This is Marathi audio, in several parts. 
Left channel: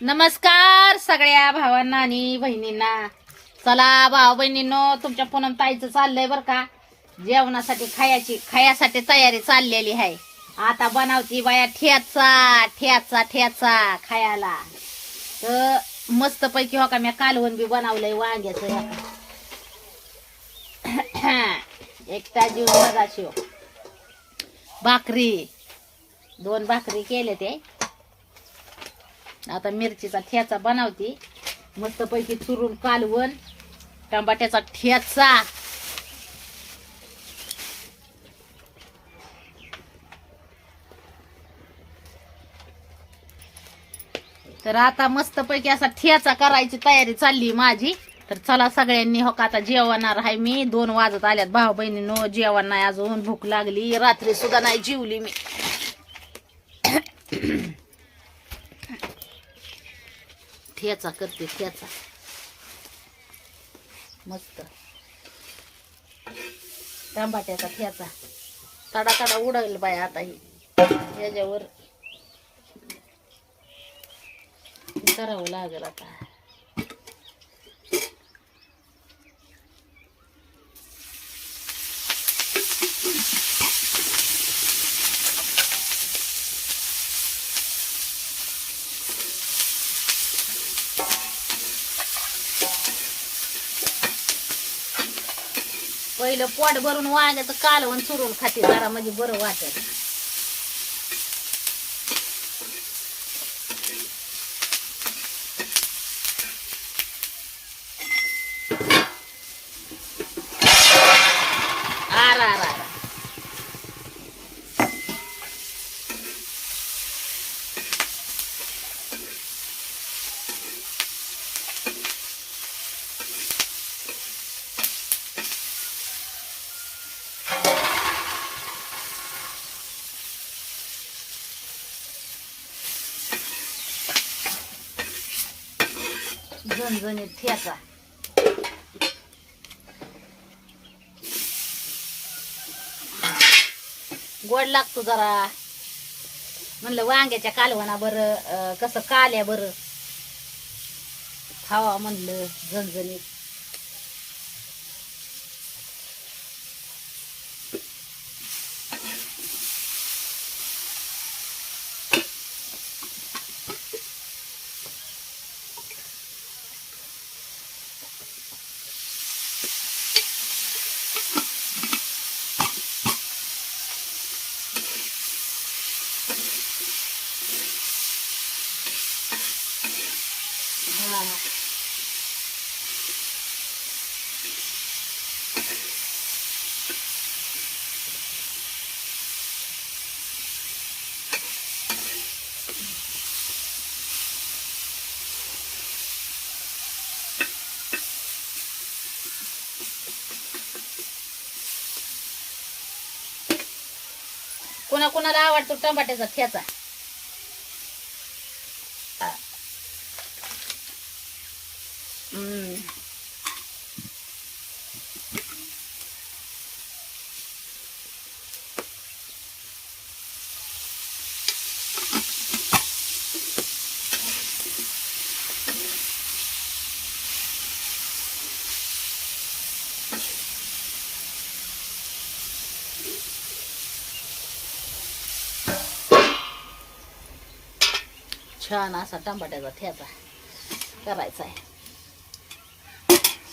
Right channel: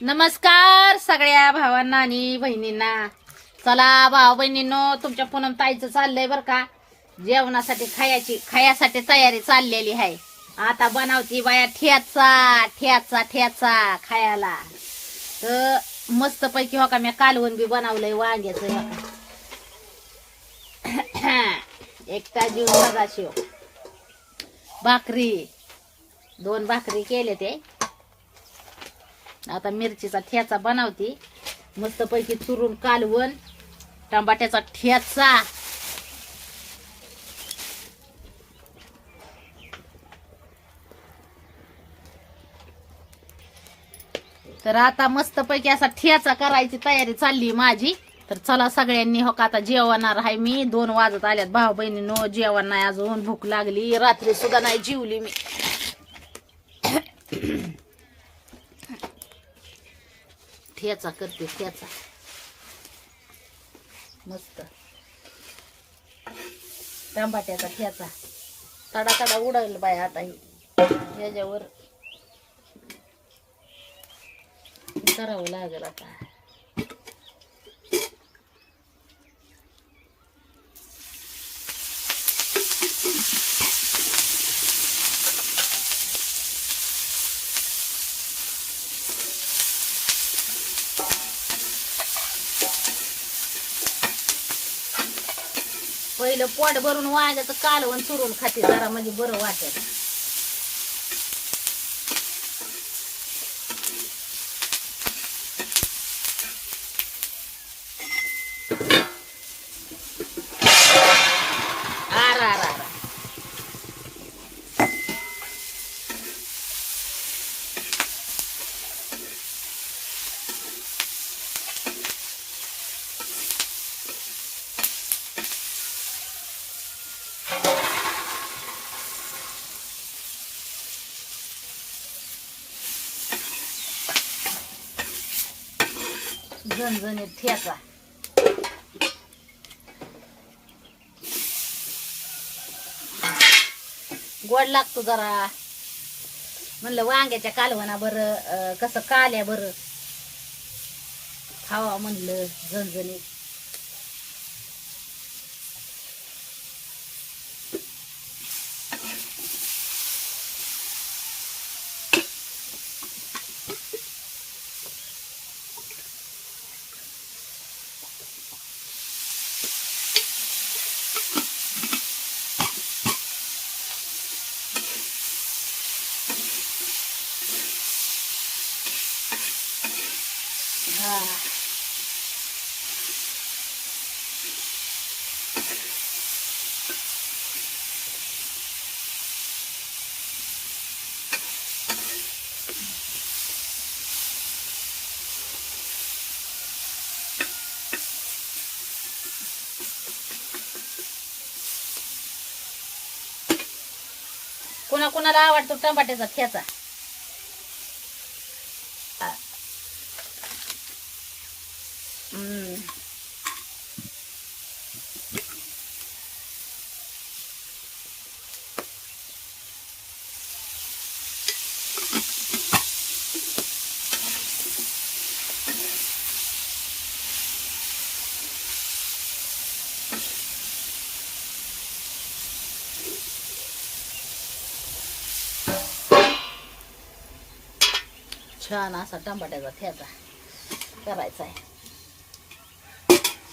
नमस्कार सगळ्या भावांना आणि बहिणींना चला भाऊ बहिणींनो तुमच्या पूनम ताईचं चाललंय बरं का? जेवणासाठी खायची खायासाठी तयारी चाललेली आहे. आता बनवती बाया ठेचा ठेचा ठेचा खायला. तर मस्त पैकी हो का मी कालवण बी बनवलंय वांग्याचं हे का. एकटा जीव सदाशिव भाकरी. दोन भाकरी केले ते. आता मिरचीचा ठेचा बनवते. मस्त पैकी चुरून कालवण टमाट्याचा ठेचा. तर आता मस्त पैकी असा ठेचा करायची तयारी चालली माझी. तर चला सगळ्यांनी हो का आता जेवणार आहे मी. दोन वाजत आल्यात भाऊ बहिणीनो जेवण नाही अजून भूक लागली. रात्री सुद्धा नाही जेवली मी. ठेचा करते ठेचा. मस्त. टमाट्याचा ठेचा. तडा तडा उडाईल बाय आता ही. याच्यावर. करावं लागेल आता. पहिलं पोट भरून वांग्याचं कालवण चुरून खाते जरा म्हणजे बरं वाटेल. झणझणीत ठेचा. गोड लागतो जरा. म्हणलं वांग्याच्या कालवणा बरं कसं काल्या बरं. खावा म्हणलं झणझणीत हा कोणा कोणाला आवडतो टमाट्याचा खेचा हम्म. छान असा टमाट्याचा ठेचा करायचा आहे.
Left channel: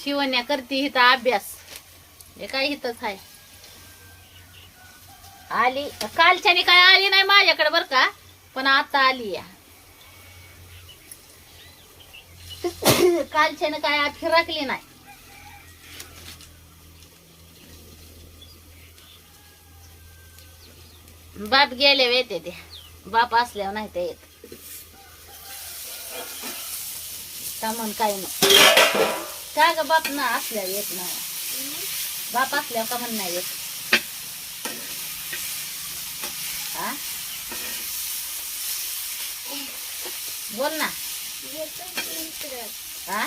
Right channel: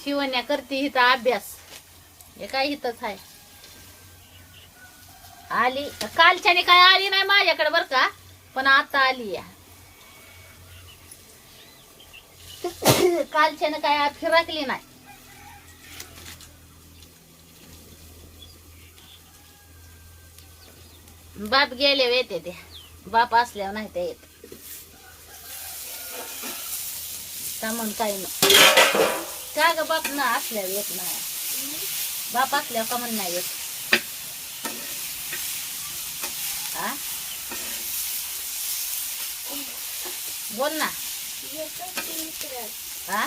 शिवण्या करते इथं अभ्यास. हे काय इथंच आहे? आली. कालच्याने काय आली नाही माझ्याकडे बर का? पण आता आली या कालच्याने काय फिरकली नाही. बाप गेले येते ते. बाप असल्यावर नाही ते येत. का म्हण काही नाही. का ग बाप ना असल्यावर येत नाही. बाप असल्यावर का म्हण नाही येत. हा बोल ना. हा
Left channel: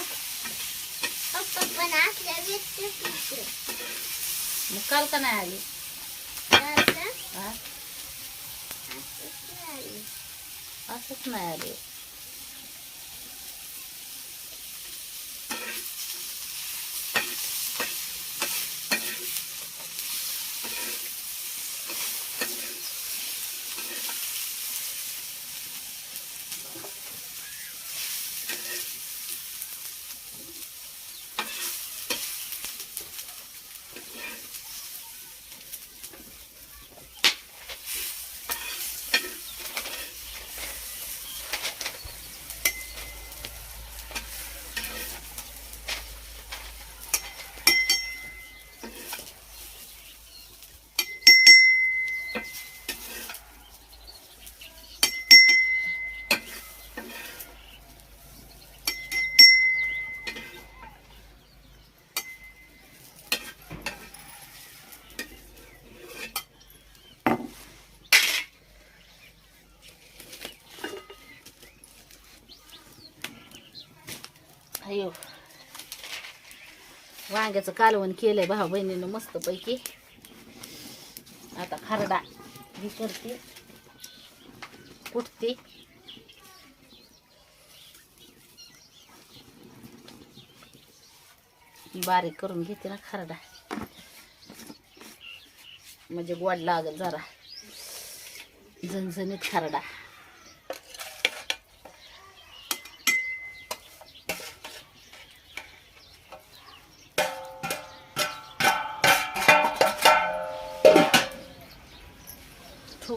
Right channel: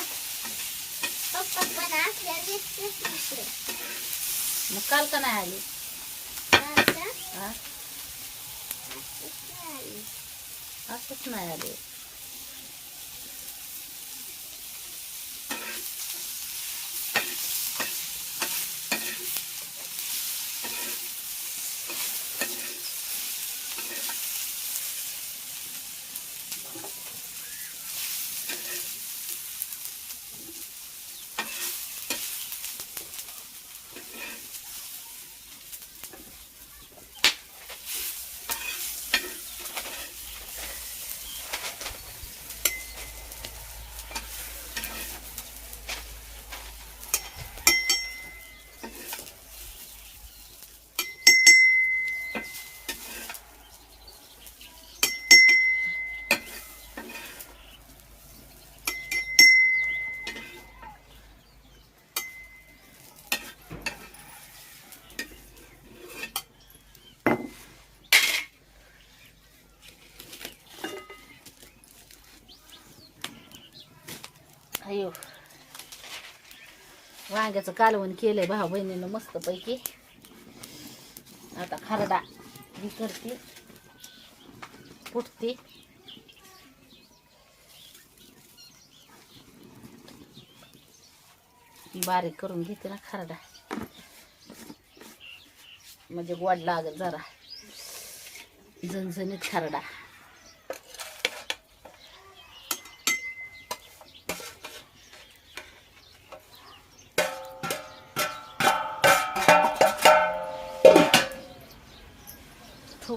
मग काल का नाही आली? असंच नाही आली. अयो. वांग्याचं कालवण केलंय भाऊ बहिणीनं मस्तपैकी. आता खारडा ही करते. कुठते बारीक करून घेते ना खारडा. म्हणजे गोड लागेल जरा. झणझणीत खारडा.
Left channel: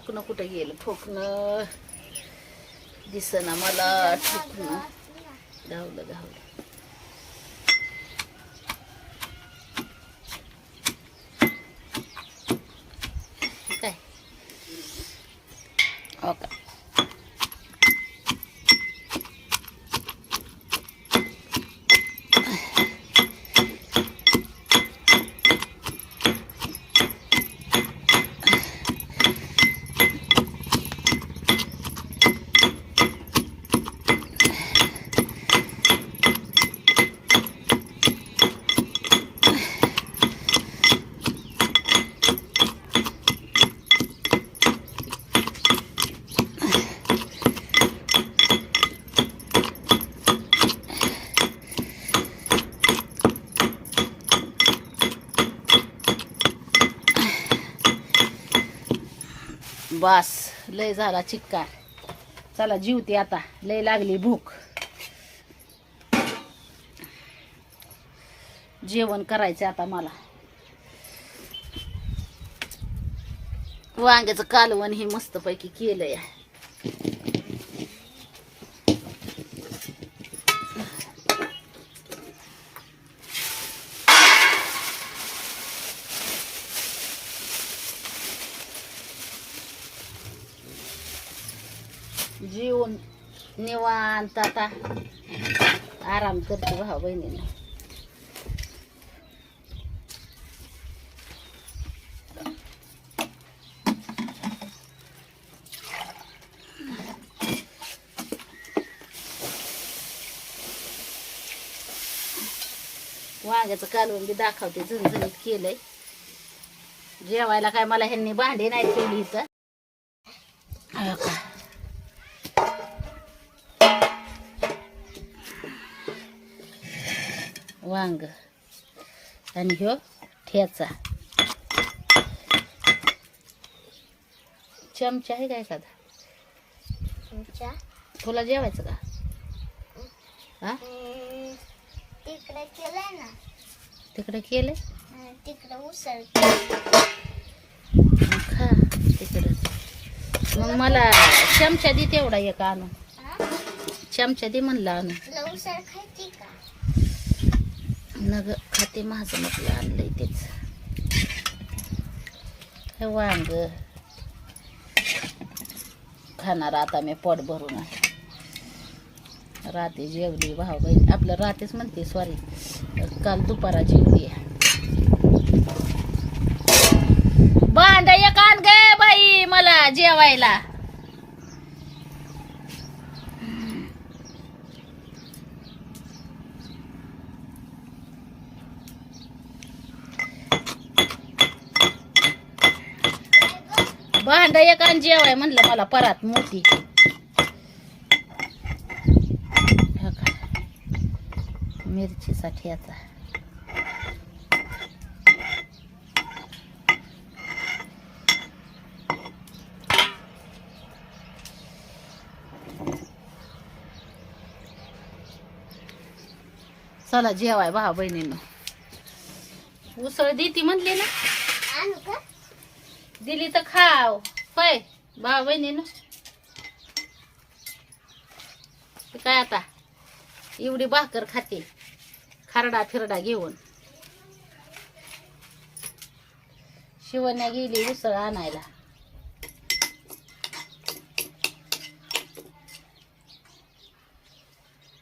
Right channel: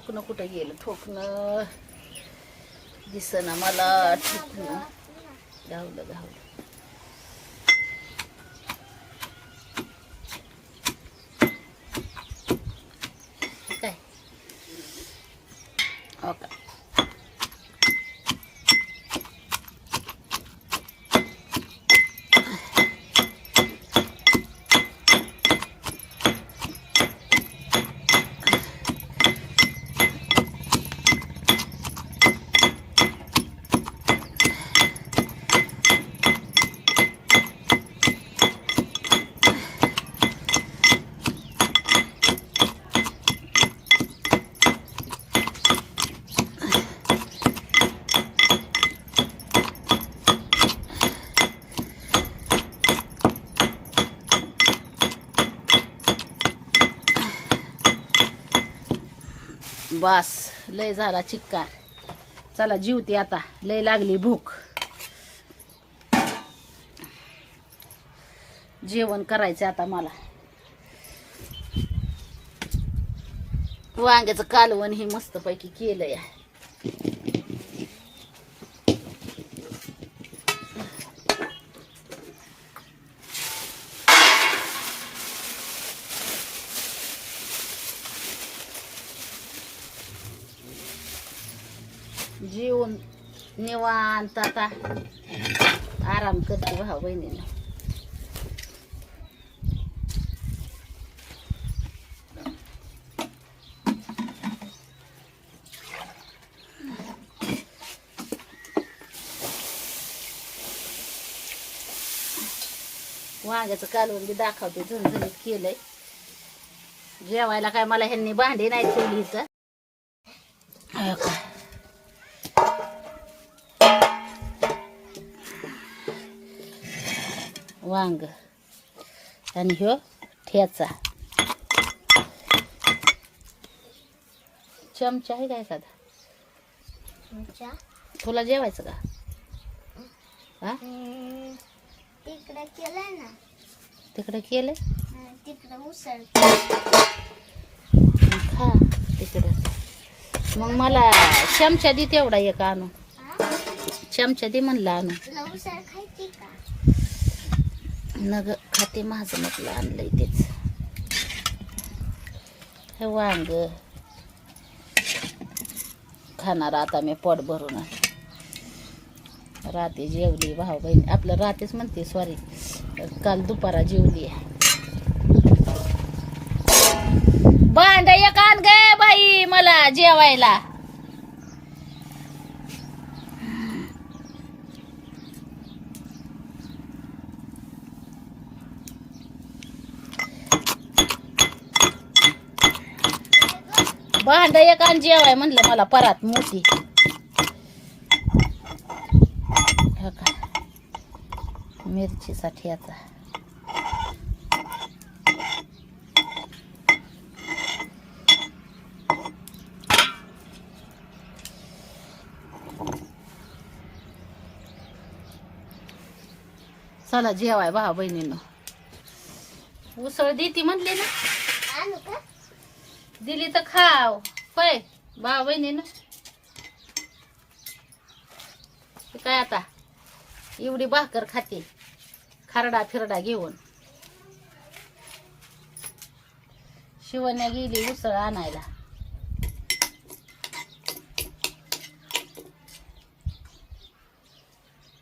ठोकणं कुठे गेलं? ठोकणं दिसना मला ठोकणं. धावलं धावलं. बस लय झाला चिक्कार. चला जीवते आता. लय लागली भूक. जेवण करायचं आता मला. वांग्याचं कालवण हे मस्तपैकी केलंय जेवण निवांत आता. आराम करते भाऊ बहिणीला. वांग्याचं कालवून बी दाखवते झणझणीत केलंय. जेवायला काय मला ह्यांनी भांडी नाही ठेवली इथं. हो वांग आणि ह्यो ठेचा. चमचा आहे का एखादा? तुला जेवायचं का? हा? तिकडे केलंय ना. तिकडे केलंय? तिकडे उसळ. खा तिकडे. मग मला चमचा दे तेवढा एक आणून? चमचा दे म्हणलं आणून तुला उसळ खायची का नग खाते माझं म्हटलं आणलं तेच. हे वांग. खाणार आता मी पोट भरून. आहे. रात्री जेवली भाऊ बहीण. आपल्या रात्रीच म्हणते सॉरी काल दुपारा जेवली. भांड एक आण गे बाई मला जेवायला. भांड एक आणि जेवाय म्हणलं मला परात मोठी. मिरचीसाठी आता. चला जेवाय भाऊ बहिणीनं. उसळ देती म्हणली ना. दिली तर खाव. होय भाऊ बहिणीनं ना. काय आता? एवढी भाकर खाते. खारडा फिरडा घेऊन. शिवण्या गेली उसळ आणायला.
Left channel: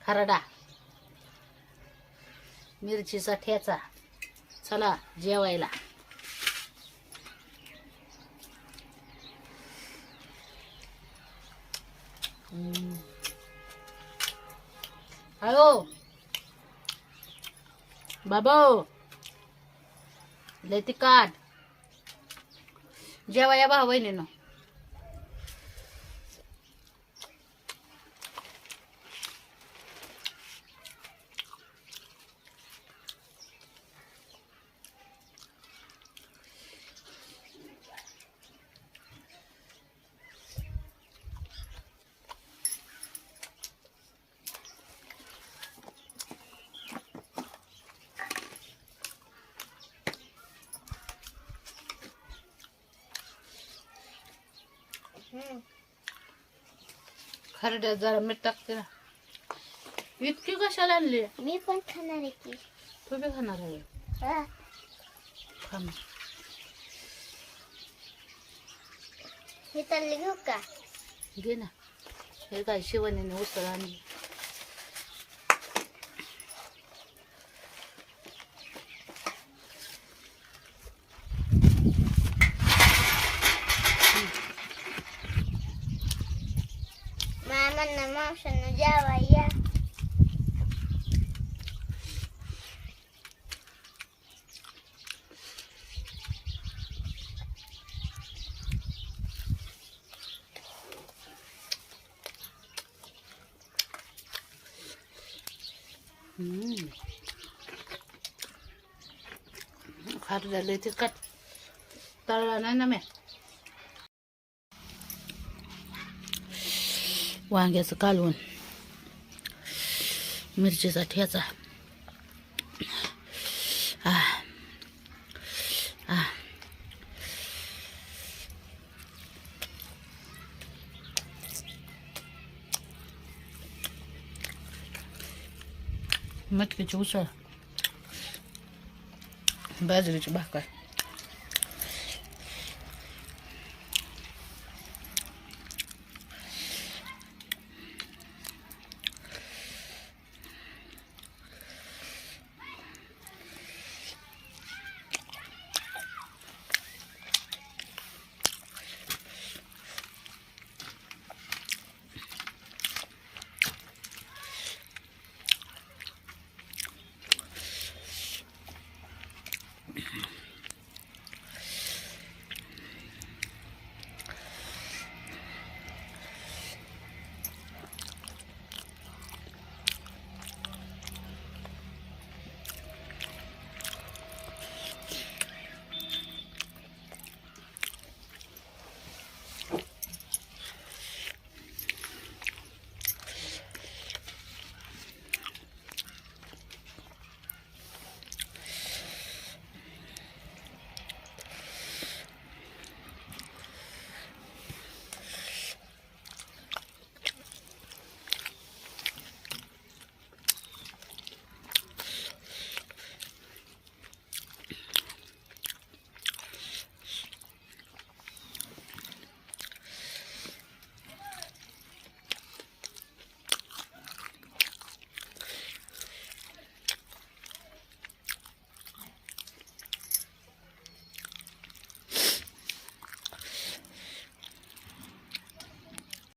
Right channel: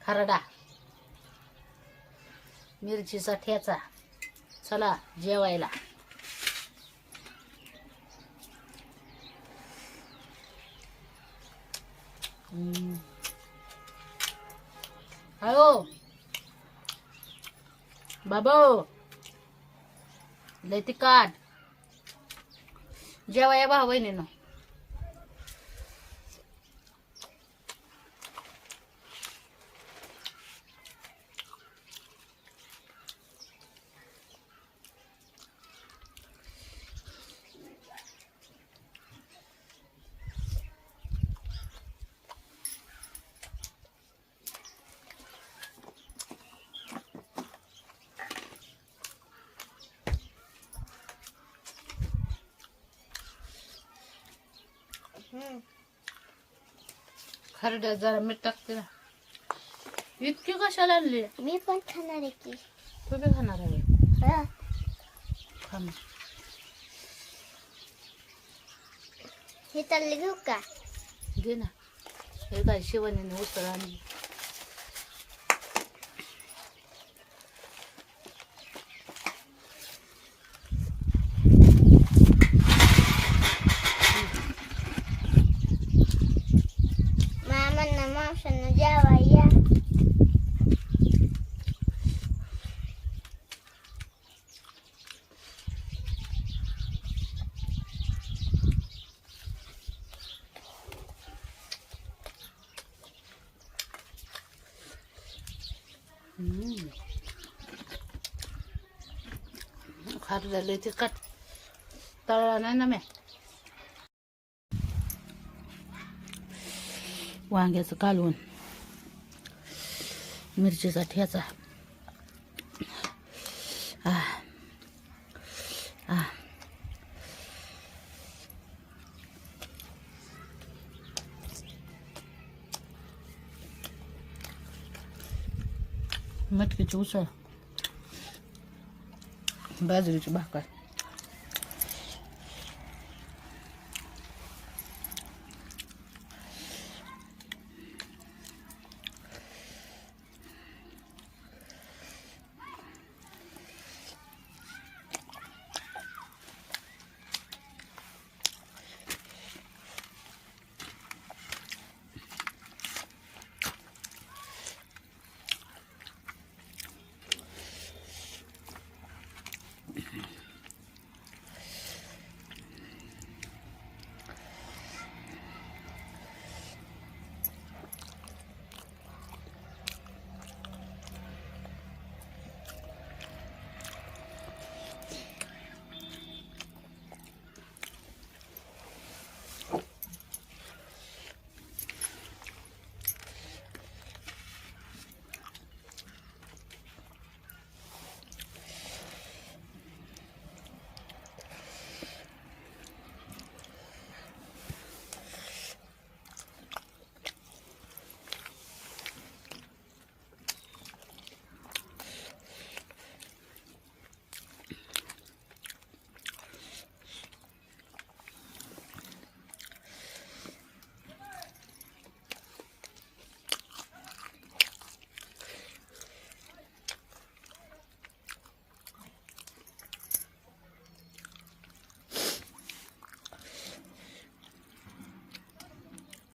खारडा. मिरचीचा ठेचा. चला जेवायला. હલો બાબો લેતી કાર્ડ જેવા એવા હોય ને એનો खरड्यात जरा मीठ टाकते ना. इतकी कशाला आणली? मी पण खाणार आहे की. तू बी खाणार आहे. हा. खा मग. हे चालले घेऊ का? घे ना. हे काय शिवणीने उसळ आणली मामांना मावसांना जेवा या हम्म. खात झाले ते कट तळला नाही ना मी वांग्याचं कालवण मिरचीचा ठेचा आ आ मटकीची उसळ बाजरीची भाकर